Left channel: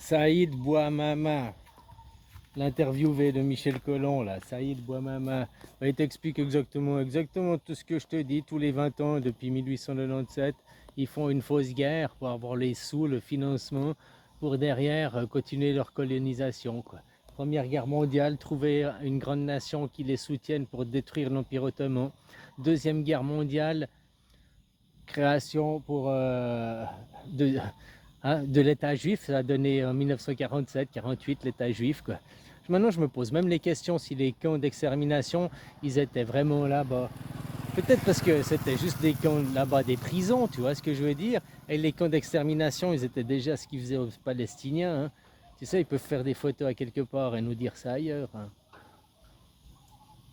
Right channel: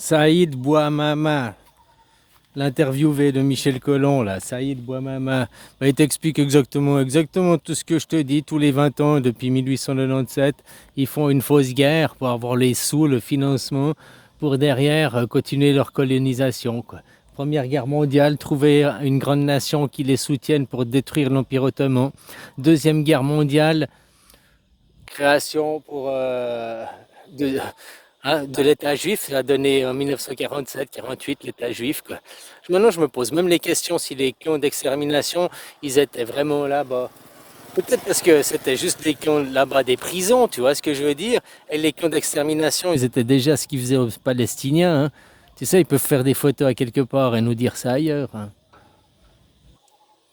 Saïd Bouamama, l'interviewé de Michel Collomb, là, Saïd Bouamama, il t'explique exactement tout ce que je te dis. Tous les 20 ans, depuis 1897, ils font une fausse guerre pour avoir les sous, le financement, pour derrière continuer leur colonisation, quoi. Première guerre mondiale, trouver une grande nation qui les soutienne pour détruire l'Empire ottoman. Deuxième guerre mondiale, création de l'État juif, ça a donné en 1947-48 l'État juif, quoi. Maintenant, je me pose même les questions si les camps d'extermination, ils étaient vraiment là-bas. Peut-être parce que c'était juste des camps là-bas, des prisons, tu vois ce que je veux dire. Et les camps d'extermination, ils étaient déjà ce qu'ils faisaient aux Palestiniens, hein. Tu sais, ils peuvent faire des photos à quelque part et nous dire ça ailleurs, hein.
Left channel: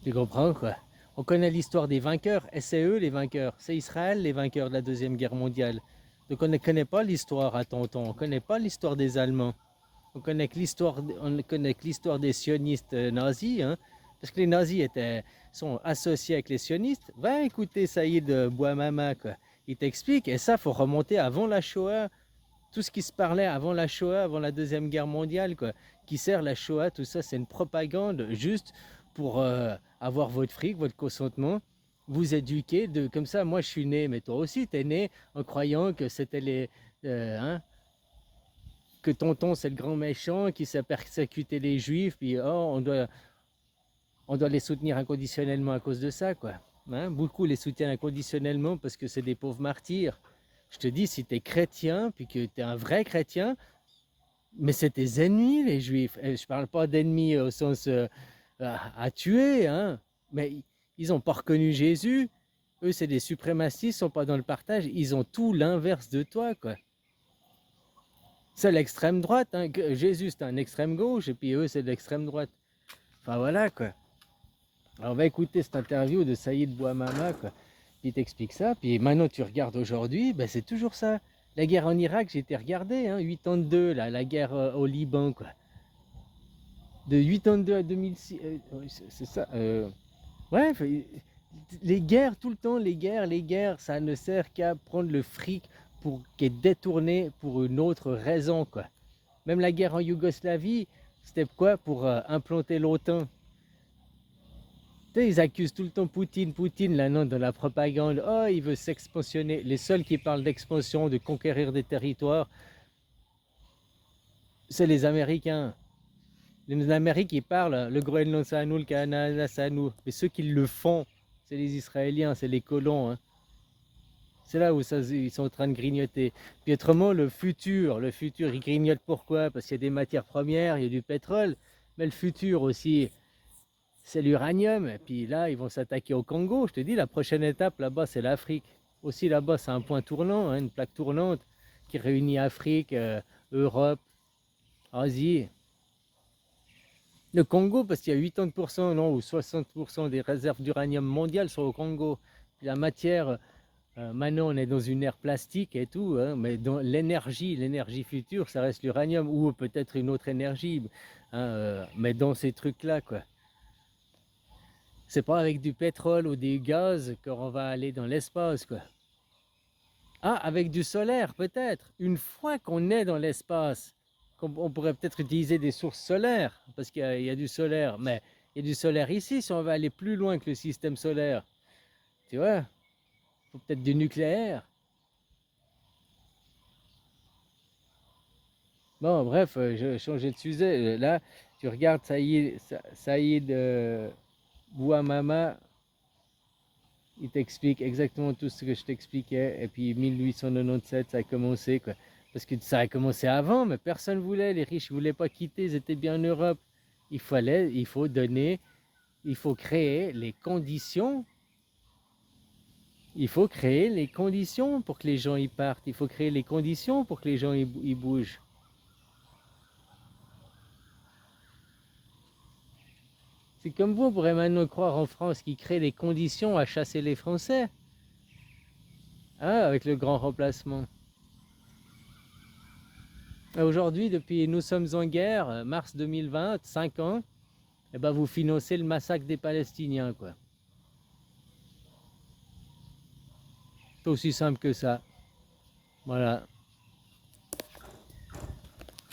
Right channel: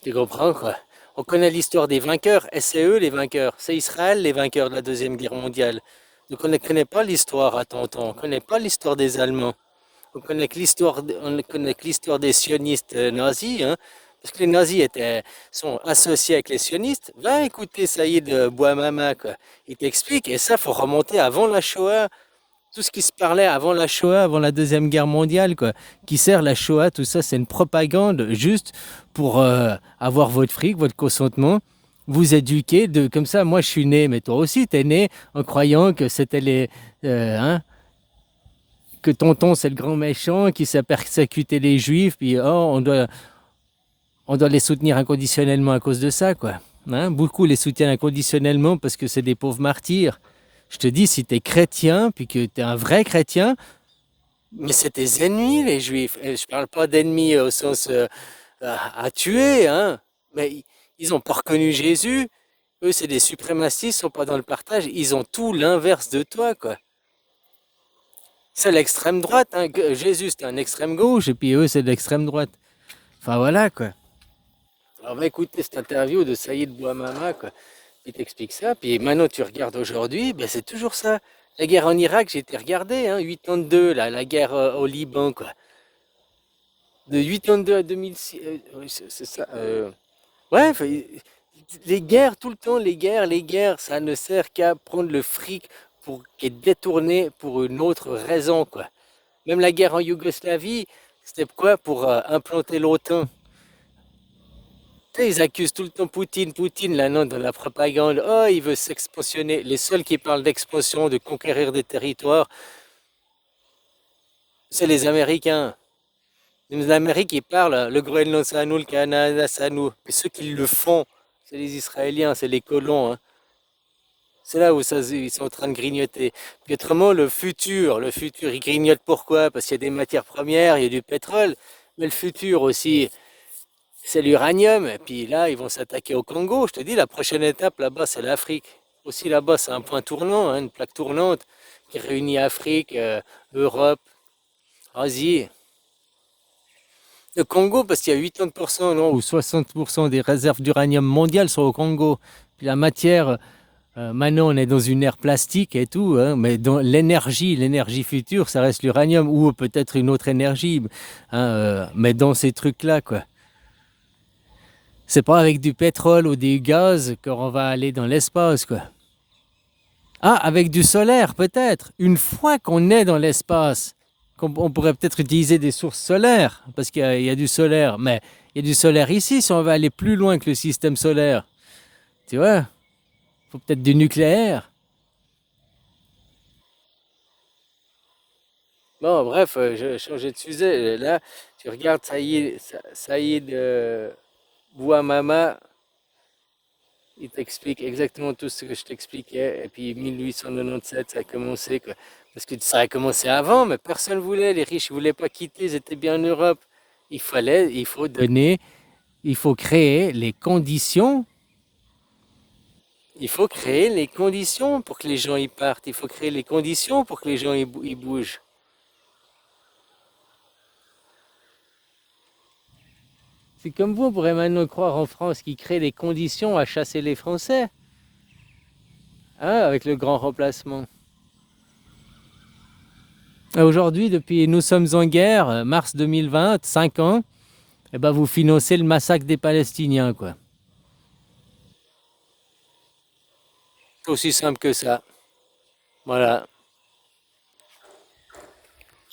Tu comprends, quoi? On connaît l'histoire des vainqueurs, et c'est eux les vainqueurs. C'est Israël les vainqueurs de la Deuxième Guerre mondiale. Donc on ne connaît pas l'histoire à Tonton, on ne connaît pas l'histoire des Allemands. On connaît que l'histoire des sionistes nazis, hein, parce que les nazis sont associés avec les sionistes. Va écouter Saïd Bouamama, quoi. Il t'explique, et ça, faut remonter avant la Shoah. Tout ce qui se parlait avant la Shoah, avant la Deuxième Guerre mondiale, quoi. Qui sert la Shoah, tout ça, c'est une propagande juste pour avoir votre fric, votre consentement, vous éduquer. Comme ça, moi, je suis né, mais toi aussi, tu es né en croyant que c'était hein, que tonton, c'est le grand méchant qui s'est persécuté les juifs, puis on doit les soutenir inconditionnellement à cause de ça, quoi. Hein, beaucoup les soutiennent inconditionnellement parce que c'est des pauvres martyrs. Je te dis, si tu es chrétien, puis que tu es un vrai chrétien, mais c'est tes ennemis, les juifs. Et je parle pas d'ennemis au sens à tuer, hein, mais ils n'ont pas reconnu Jésus. Eux, c'est des suprémacistes, ils sont pas dans le partage. Ils ont tout l'inverse de toi, quoi. C'est l'extrême droite, hein. Jésus, c'est un extrême gauche, et puis eux, c'est de l'extrême droite. Enfin, voilà, quoi. Alors, on va écouter cette interview de Saïd Bouamama, quoi. Il t'explique ça. Puis maintenant, tu regardes aujourd'hui, ben, c'est toujours ça. La guerre en Irak, j'ai été regardé, hein, 82, là, la guerre au Liban, quoi. De 82 à 2006, ouais, c'est ça. Ouais, les guerres, tout le temps, les guerres, ça ne sert qu'à prendre le fric pour qui est détourné pour une autre raison, quoi. Même la guerre en Yougoslavie, c'était quoi? Pour implanter l'OTAN. Tu sais, ils accusent tout le temps Poutine, là, non, dans la propagande. Oh, il veut s'expansionner. Les seuls qui parlent d'expansion, de conquérir des territoires, c'est les Américains. Les Américains, ils parlent, le Groenland, c'est à nous, le Canada, c'est à nous. Mais ceux qui le font, c'est les Israéliens, c'est les colons, hein. C'est là où ils sont en train de grignoter. Puis autrement, ils grignotent pourquoi? Parce qu'il y a des matières premières, il y a du pétrole. Mais le futur aussi, c'est l'uranium. Et puis là, ils vont s'attaquer au Congo. Je te dis, la prochaine étape là-bas, c'est l'Afrique. Aussi là-bas, c'est un point tournant, hein, une plaque tournante qui réunit Afrique, Europe, Asie. Le Congo, parce qu'il y a 80%, non, ou 60% des réserves d'uranium mondiales sont au Congo. Puis la matière, maintenant on est dans une ère plastique et tout, hein, mais dans l'énergie future, ça reste l'uranium ou peut-être une autre énergie, hein, mais dans ces trucs-là, quoi. C'est pas avec du pétrole ou du gaz qu'on va aller dans l'espace, quoi. Ah, avec du solaire, peut-être. Une fois qu'on est dans l'espace, on pourrait peut-être utiliser des sources solaires, parce qu'il y a du solaire. Mais il y a du solaire ici si on veut aller plus loin que le système solaire. Tu vois, il faut peut-être du nucléaire. Bon, bref, je changeais de sujet. Là, tu regardes Saïd Bouamama, il t'explique exactement tout ce que je t'expliquais. Et puis 1897, ça a commencé, quoi. Parce que ça a commencé avant, mais personne ne voulait. Les riches ne voulaient pas quitter, ils étaient bien en Europe. Il faut donner, il faut créer les conditions. Il faut créer les conditions pour que les gens y partent. Il faut créer les conditions pour que les gens y bougent. C'est comme vous, on pourrait maintenant croire en France qui crée les conditions à chasser les Français, hein, avec le grand remplacement. Aujourd'hui, depuis nous sommes en guerre, mars 2020, 5 ans, eh ben vous financez le massacre des Palestiniens, quoi. C'est aussi simple que ça. Voilà.